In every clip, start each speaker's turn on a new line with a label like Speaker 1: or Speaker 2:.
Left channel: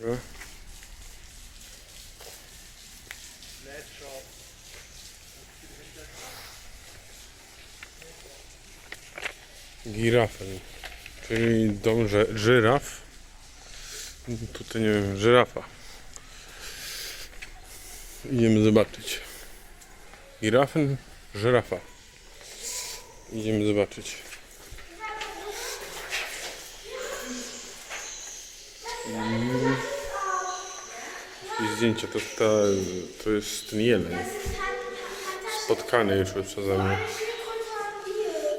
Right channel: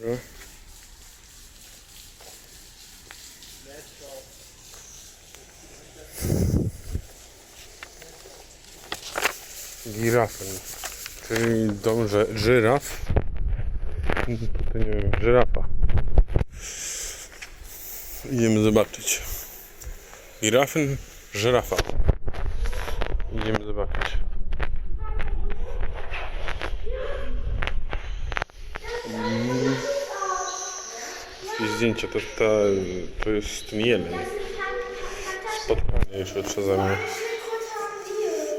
Speaker 1: Dobra. Girafen, czyli dom żyraf. Tutaj nie wiem, żyrafa. Idziemy zobaczyć. Girafen, żyrafa. Idziemy zobaczyć. I zdjęcie to, ta, to jest ten jeleń. Spotkany już przeze mnie.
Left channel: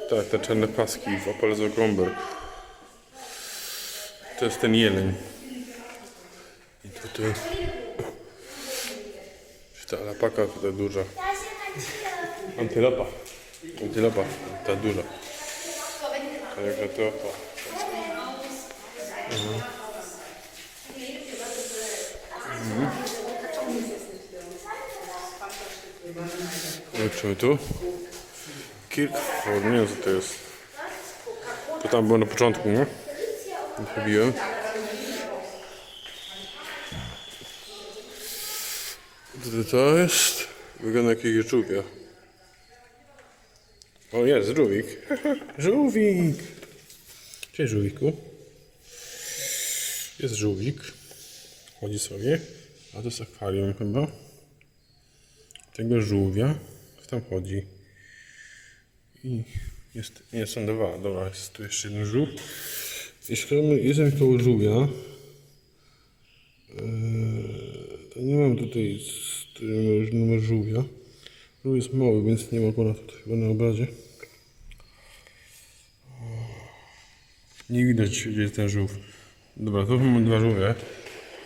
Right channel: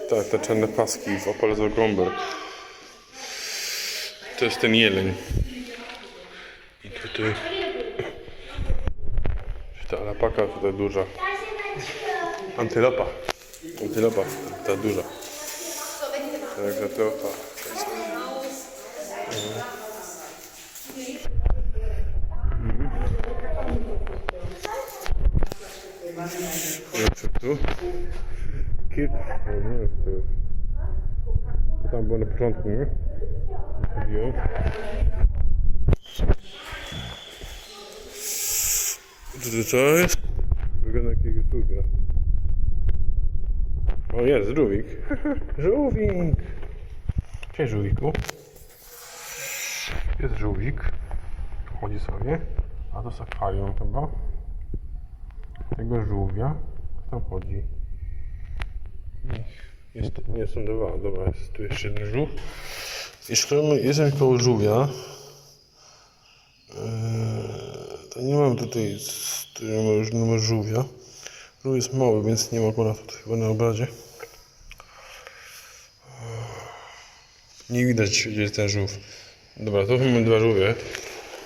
Speaker 1: Tak, te czarne paski w Opel Zagomber. To jest ten jeleń. I tutaj... Ta alapaka tutaj duża. Antylopa. Antylopa, ta duża. Także to... Mhm. Zobaczymy tu. Kirkford, nie wiem co to jest. To tam było na początku, nie? Wybiłem. Co to jest? Wygląda jak jakieś żółwia. O jest, żółwik. żółwik. Cześć żółwiku. Jest żółwik. Chodzi sobie. A to jest akwarium chyba. Tego żółwia. Tam chodzi. I jest, są dwa, dobra, jest tu jeszcze jeden żółw. I szukamy, jestem koło żółwia. Eee, to nie mam tutaj numer, żółwia. Żółw jest mały, więc nie ma go na, chyba na obrazie. Eee, Nie widać, gdzie jest ten żółw. Dobra, to mamy dwa żółwie.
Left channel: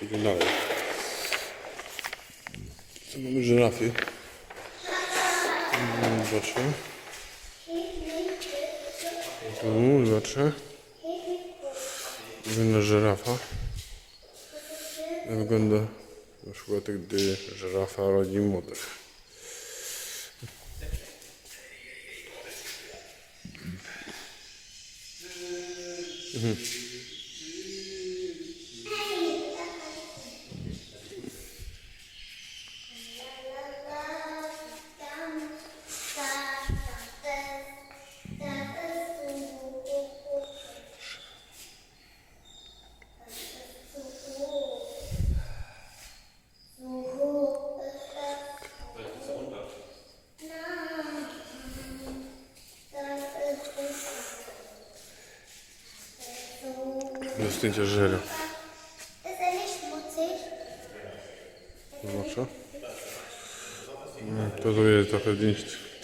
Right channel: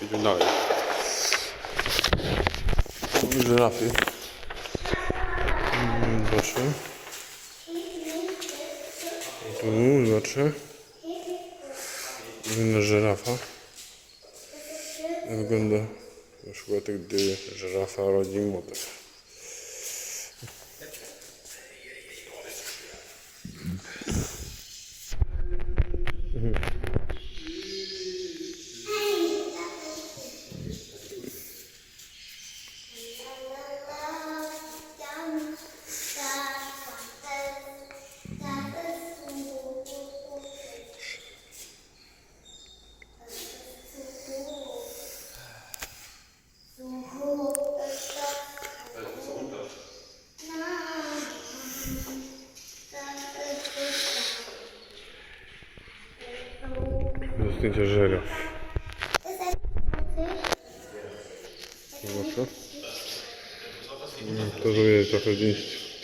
Speaker 1: Idę dalej. Żyrafy. Zobaczę. Tu zobaczę. Wygląda żyrafa. Wygląda na przykład gdy żyrafa rodzi młodych. Do zdjęcia żera. Zobaczę. Jest trochę zdjęć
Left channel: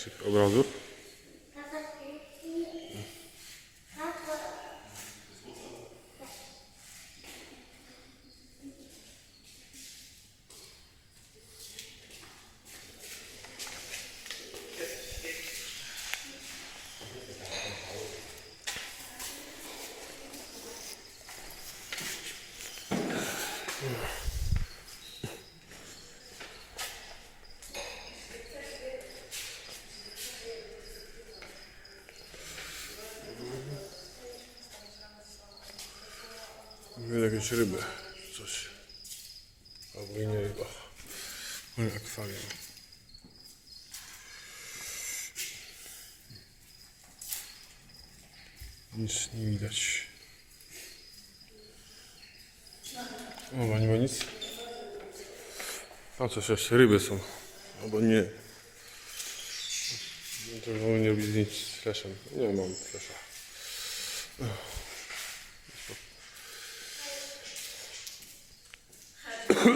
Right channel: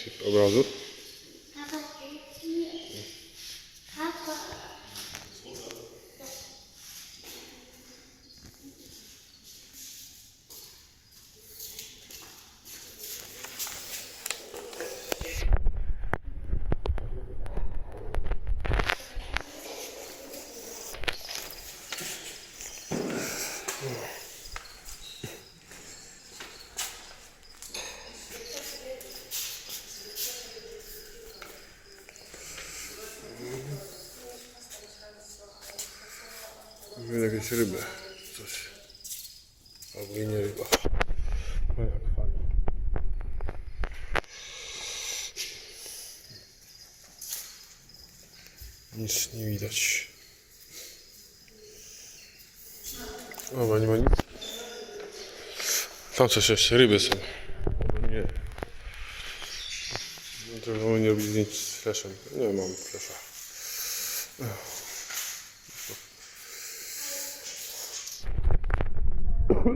Speaker 1: tych obrazów. Jakieś ryby. Coś. Albo i nie ryba. Może akwarium. Nic nie widać. O, nie ma nic. Tam coś jeszcze ryby są. Albo nie. No to wolę nie robić zdjęć z flashem. Nie mam flasha. O,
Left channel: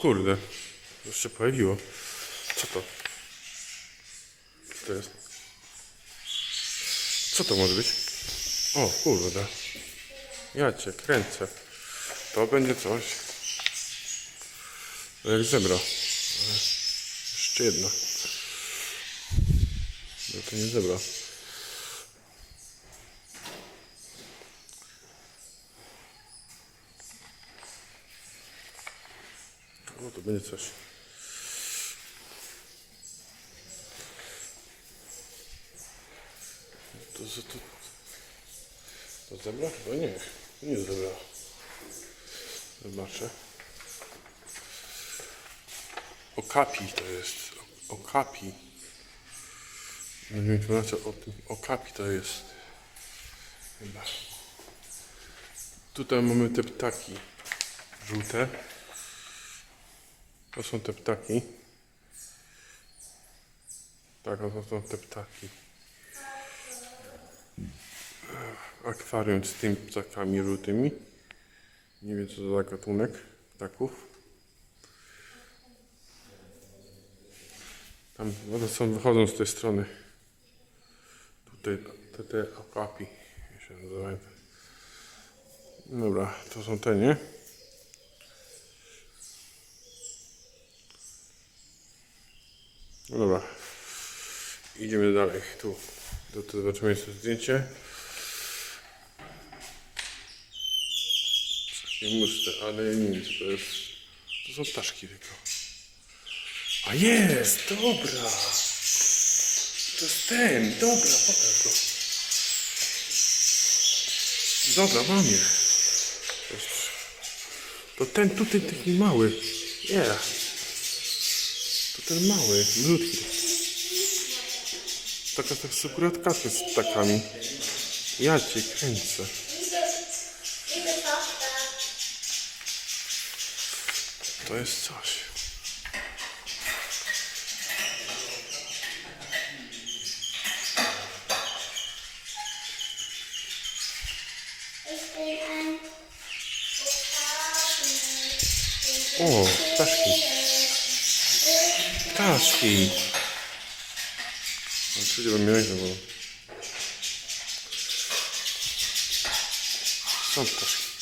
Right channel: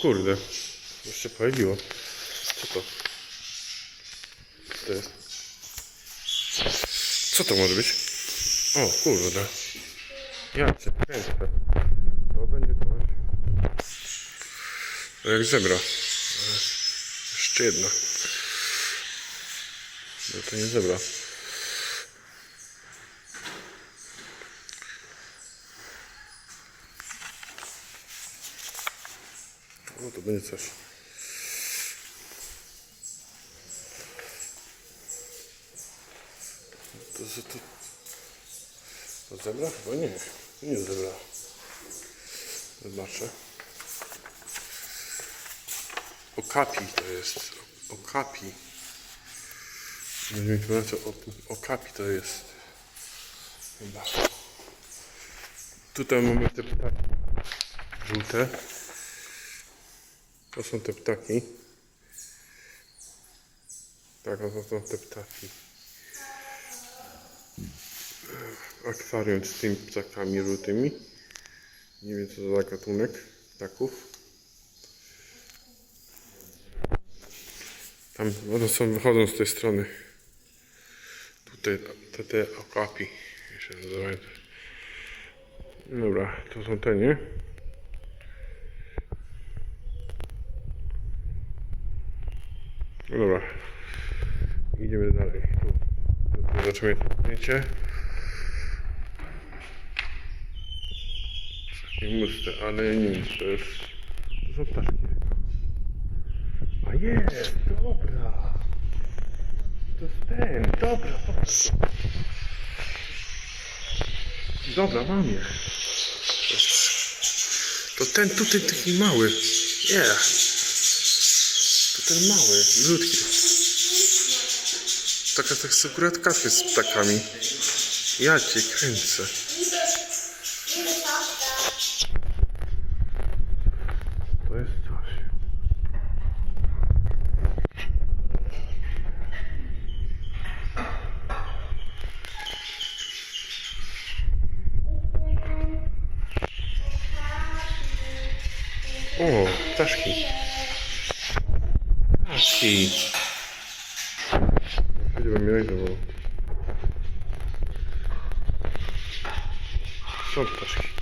Speaker 1: kurde. Jeszcze pojawiło. Co to? Co to jest? Co to może być? O, kurde. Ja cię kręcę. To będzie coś. No jak zebra. Jeszcze jedna. No to nie zebra. No to będzie coś. To, to, to, to zebra? Chyba nie. To nie zebra. Zobaczę. Okapi to jest. Okapi. Będziemy informację o tym. Okapi to jest. Chyba. Tutaj mamy te ptaki. Żółte. To są te ptaki. Tak, to są te ptaki. Akwarium z tymi ptakami żółtymi. Nie wiem co to za gatunek ptaków. Tam to są, wychodzą z tej strony. Tutaj te, te okapi się nazywają. Dobra, to są te, nie? Dobra. Idziemy dalej. Tu, tu, tu jeszcze zdjęcie. Takie muste, ale co to jest. To są ptaszki tylko. A jest, dobra. To jest ten, dobra, pokaż go. Dobra, mam je. To ten tutaj taki mały. Yeah. To ten mały, malutki. Taka tak akurat z ptakami. Ja cię kręcę. To jest coś. O, ptaszki. Ptaszki. Przecież bym miał bo... Są ptaszki.